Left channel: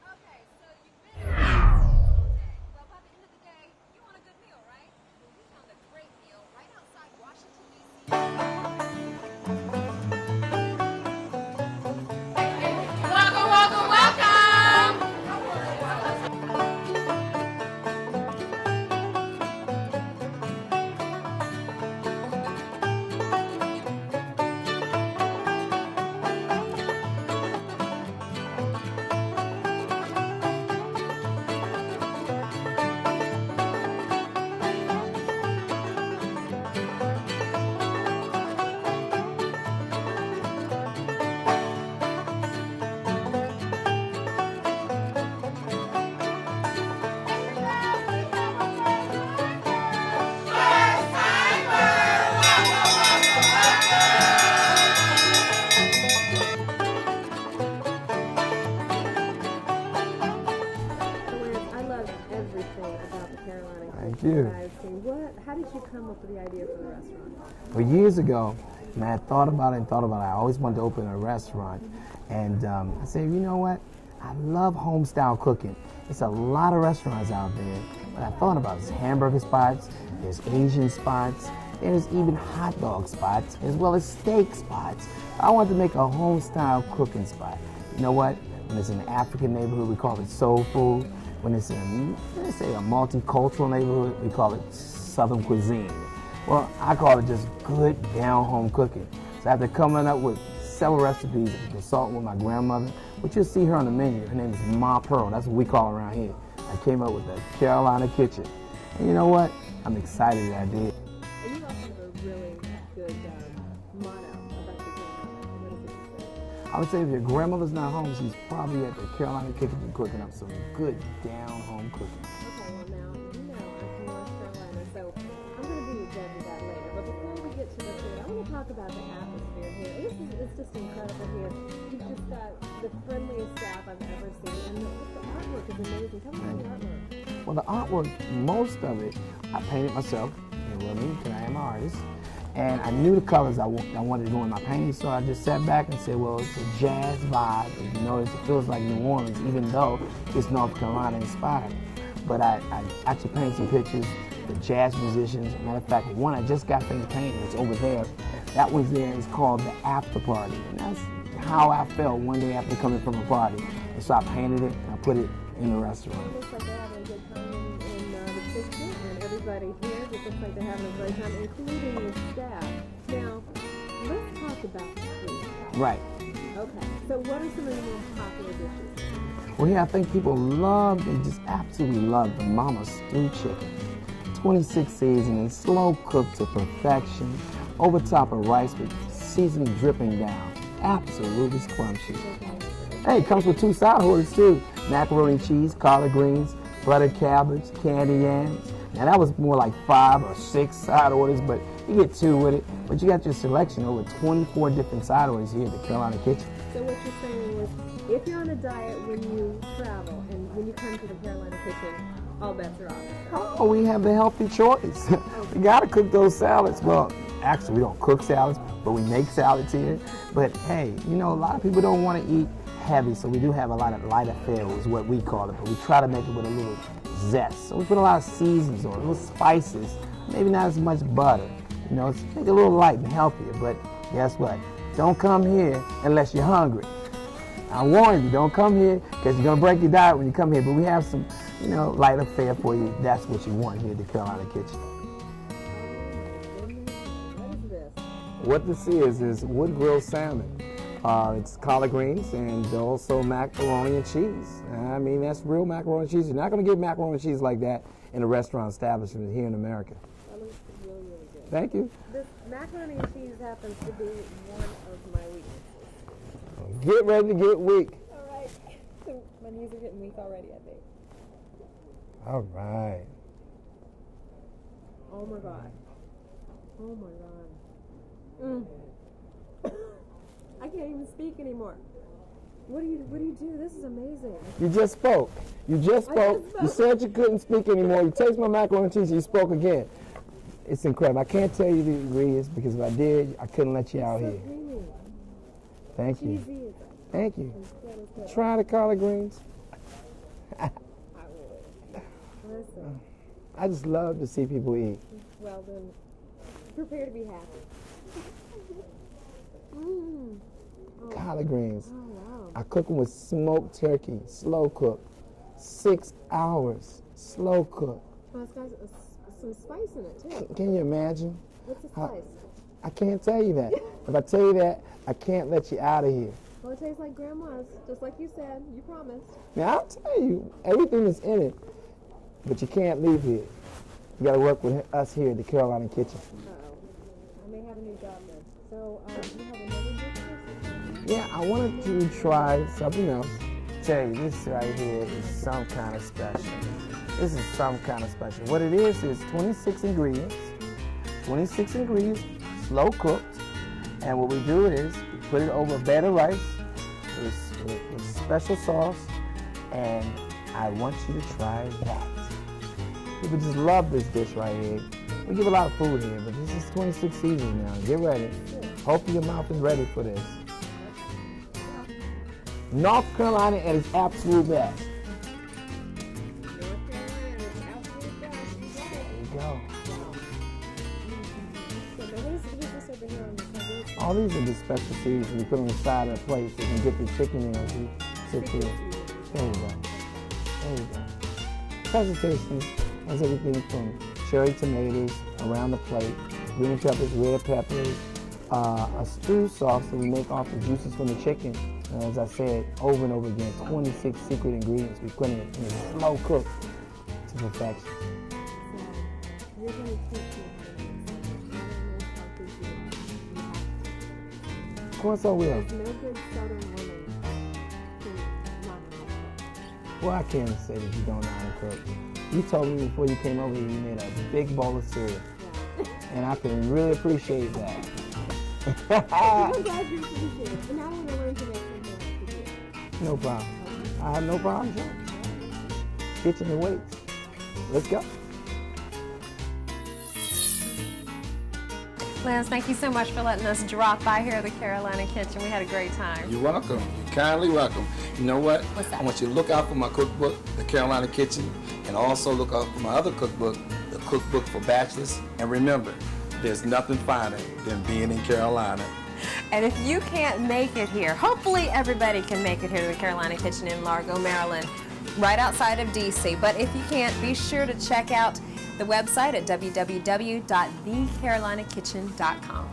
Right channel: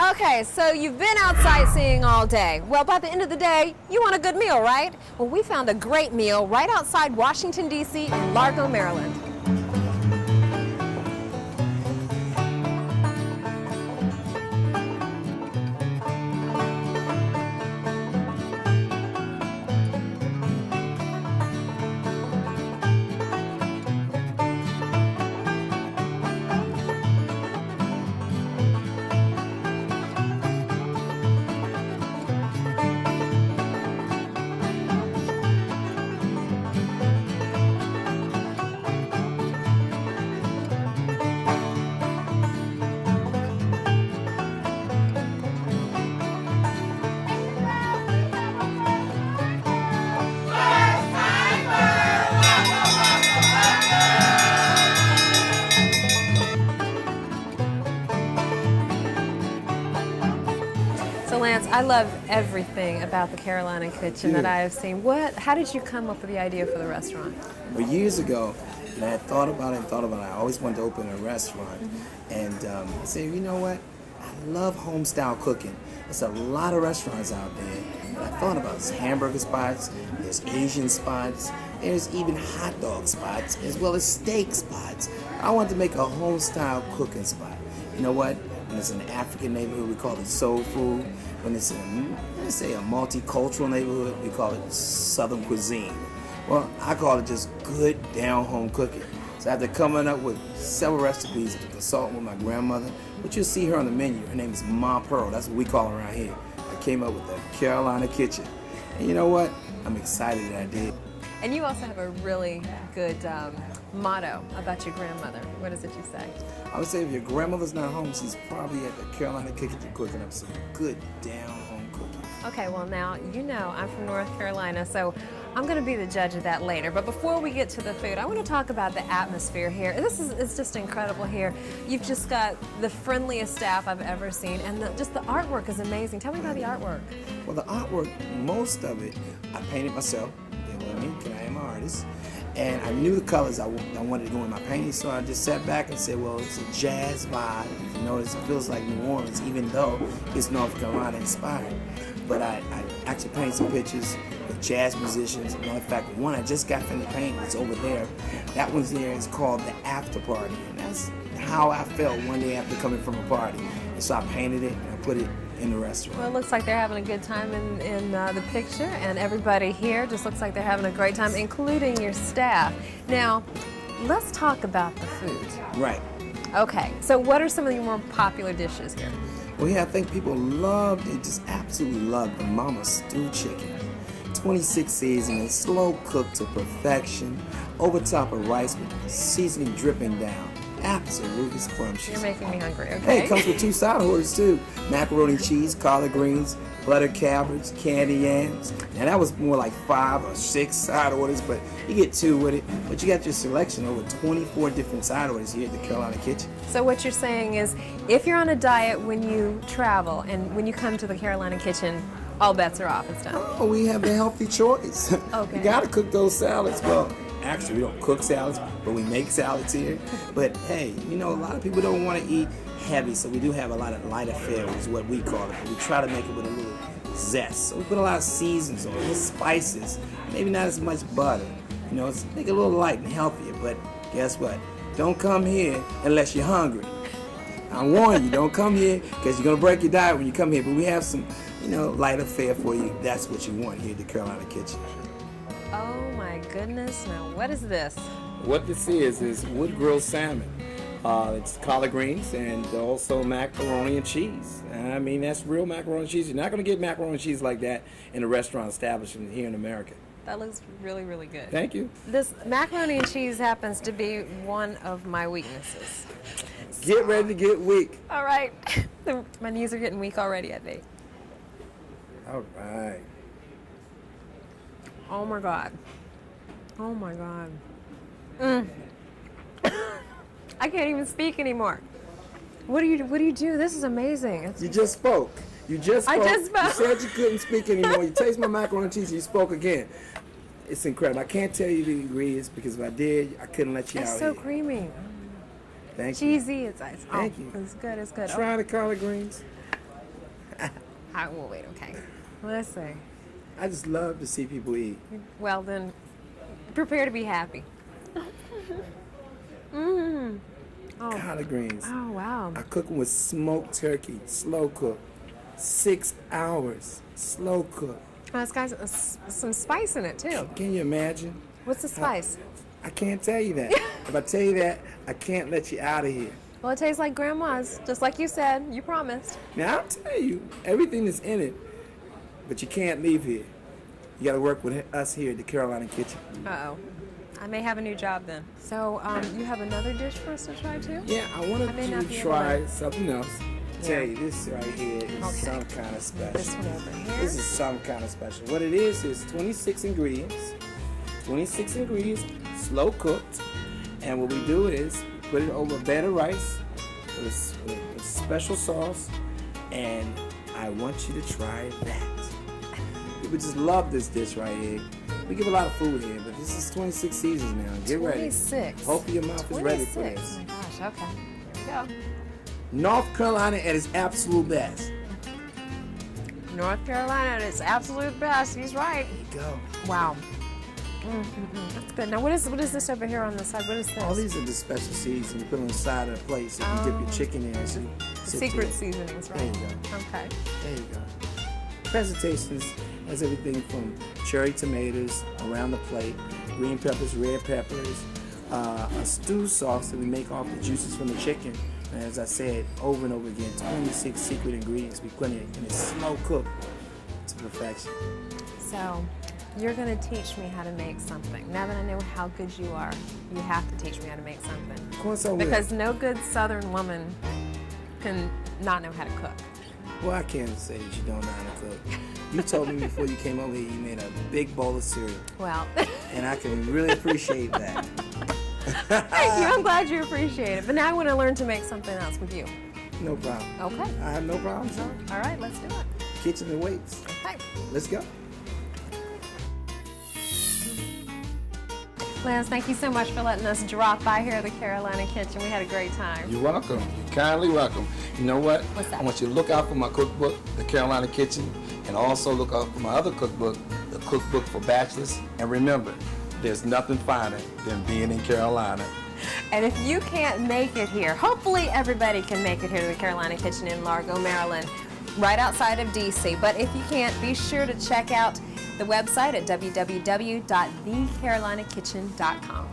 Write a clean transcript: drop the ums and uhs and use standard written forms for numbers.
Okay, so you've been out sightseeing all day. Well, by the end of the day, you want a good meal, right? Well, we found a great meal right outside Washington, D.C. in Largo, Maryland. Welcome, welcome, welcome! I love everything about the Carolina Kitchen that I have seen. How did you come up with the idea for the restaurant? Well, years ago, and I thought about it. I always wanted to open a restaurant. And I said, you know what? I love home style cooking. There's a lot of restaurants out there. But I thought about it. There's hamburger spots, there's Asian spots, there's even hot dog spots, as well as steak spots. I wanted to make a home style cooking spot. You know what? When it's an African neighborhood, we call it soul food. When it's in, let's say, a multicultural neighborhood, we call it Southern cuisine. Well, I call it just good down-home cooking. So after coming up with several recipes, consulting with my grandmother, but you'll see her on the menu. Her name is Ma Pearl. That's what we call her around here. I came up with the Carolina Kitchen. And you know what? I'm excited that I did. And you also have a really good motto about your grandmother. What is it you say? I would say if your grandmother's not home, she's probably at the Carolina Kitchen cooking up some good down-home cooking. Okay, well now, you know I'm from North Carolina, so I'm going to be the judge of that later. But before we get to the food, I want to talk about the atmosphere here. It's just incredible here. You've just got the friendliest staff I've ever seen, and just the artwork is amazing. Tell me about the artwork. Well, the artwork, most of it, I painted myself. You know what I mean? 'Cause I am an artist. And I knew the colors I wanted to go in my painting, so I just sat back and said, well, it's a jazz vibe. You notice it feels like New Orleans, even though it's North Carolina inspired. But I actually painted some pictures of jazz musicians. As a matter of fact, one I just got from the painting, it's over there. That one's there, it's called The After Party. And that's how I felt one day after coming from a party. And so I painted it and I put it in the restaurant. Well, it looks like they're having a good time in the picture, and everybody here just looks like they're having a great time, including your staff. Now, let's talk about the food. Right. Okay, so what are some of your more popular dishes here? Well, here I think people they just absolutely love the Mama Stew chicken. 26 seasonings, slow cooked to perfection, over top of rice with seasoning dripping down. Absolutely scrumptious. You're making me hungry, okay? Hey, it comes with 2 side orders too. Macaroni and cheese, collard greens, buttered cabbage, candy yams. Now that was more like 5 or 6 side orders, but you get 2 with it. But you got your selection over 24 different side orders here at the Carolina Kitchen. So what you're saying is, if you're on a diet when you travel and when you come to the Carolina Kitchen, all bets are off this time. Oh, we have the healthy choice. Okay. You gotta cook those salads. Well, actually, we don't cook salads, but we make salads here. But hey, you know, a lot of people don't want to eat heavy, so we do have a lot of light affair, which is what we call it. But we try to make it with a little zest. So we put a lot of seasons on it, little spices, maybe not as much butter. You know, it's make it a little light and healthier. But guess what? Don't come here unless you're hungry. I warn you, don't come here because you're gonna break your diet when you come here. But we have some, you know, light affair for you. That's what you want here at the Carolina Kitchen. Oh my goodness! Now what is this? What this is wood grilled salmon. It's collard greens and also macaroni and cheese. I mean, that's real macaroni and cheese. You're not gonna get macaroni and cheese like that in a restaurant establishment here in America. That looks really, really good. Thank you. This macaroni and cheese happens to be one of my weaknesses. Get ready to get weak. All right. My knees are getting weak already, I think. All right. Oh my God. Oh my God. I can't even speak anymore. What do you do? This is amazing. You just spoke. You just spoke. I just spoke. You said you couldn't speak anymore. You taste my macaroni and cheese, you spoke again. It's incredible. I can't tell you the ingredients because if I did, I couldn't let you out here. It's so creamy. Thank you. Cheesy. It's ice. Thank you. It's good. It's good. Try the collard greens. I will wait, okay. Let's see. I just love to see people eat. Well, then, prepare to be happy. Mmm. Oh. Collard greens. Oh, wow. I cook them with smoked turkey, slow cook. 6 hours, slow cook. Oh, it's got some spice in it, too. Can you imagine? What's the spice? I can't tell you that. If I tell you that, I can't let you out of here. Well, it tastes like Grandma's, just like you said. You promised. Now, I'll tell you, everything is in it, but you can't leave here. You got to work with us here at the Carolina Kitchen. Uh-oh. I may have a new job then. So, you have another dish for us to try, too? Yeah, I wanted you to try something else. Tell you, this right here is some kind of special. This is some kind of special. What it is 26 ingredients. 26 ingredients, slow cooked. And what we do is put it over a bed of rice with special sauce. And I want you to try that. People just love this dish right here. We give a lot of food here, but this is 26 seasons now. Get ready. 26. Hopefully your mouth is ready for this. Okay. Yeah. North Carolina at its absolute best. North Carolina at its absolute best. He's right. Go. Wow. That's good. Now, what is this over here on the side? What is this? All these are the special seasons we put on the side of the plate so you can dip your chicken in. So Secret seasonings, There right? you go. Okay. There you go. Presentations has everything from cherry tomatoes around the plate, green peppers, red peppers, a stew sauce that we make off the juices from the chicken. And as I said over and over again, 26 secret ingredients we put in it, and it's slow cooked to perfection. So, you're going to teach me how to make something. Now that I know how good you are, you have to teach me how to make something. Of course I will. Because no good Southern woman can not know how to cook. Well, I can't say that you don't know how to cook. You told me before you came over here you made a big bowl of cereal. Well. And I can really appreciate that. Thank you. I'm glad you appreciate it. But now I want to learn to make something else with you. No problem. Okay. I have no problem, sir. All right, let's do it. Kitchen awaits. Hi. Let's go. Lance, thank you so much for letting us drop by here at the Carolina Kitchen. We had a great time. You're welcome. You're kindly welcome. You know what? What's that? I want you to look out for my cookbook, The Carolina Kitchen, and also look out for my other cookbook, The Cookbook for Bachelors. And remember, there's nothing finer than being in Carolina. And if you can't make it here, hopefully everybody can make it here to the Carolina Kitchen in Largo, Maryland, right outside of D.C. But if you can't, be sure to check out the website at www.thecarolinakitchen.com.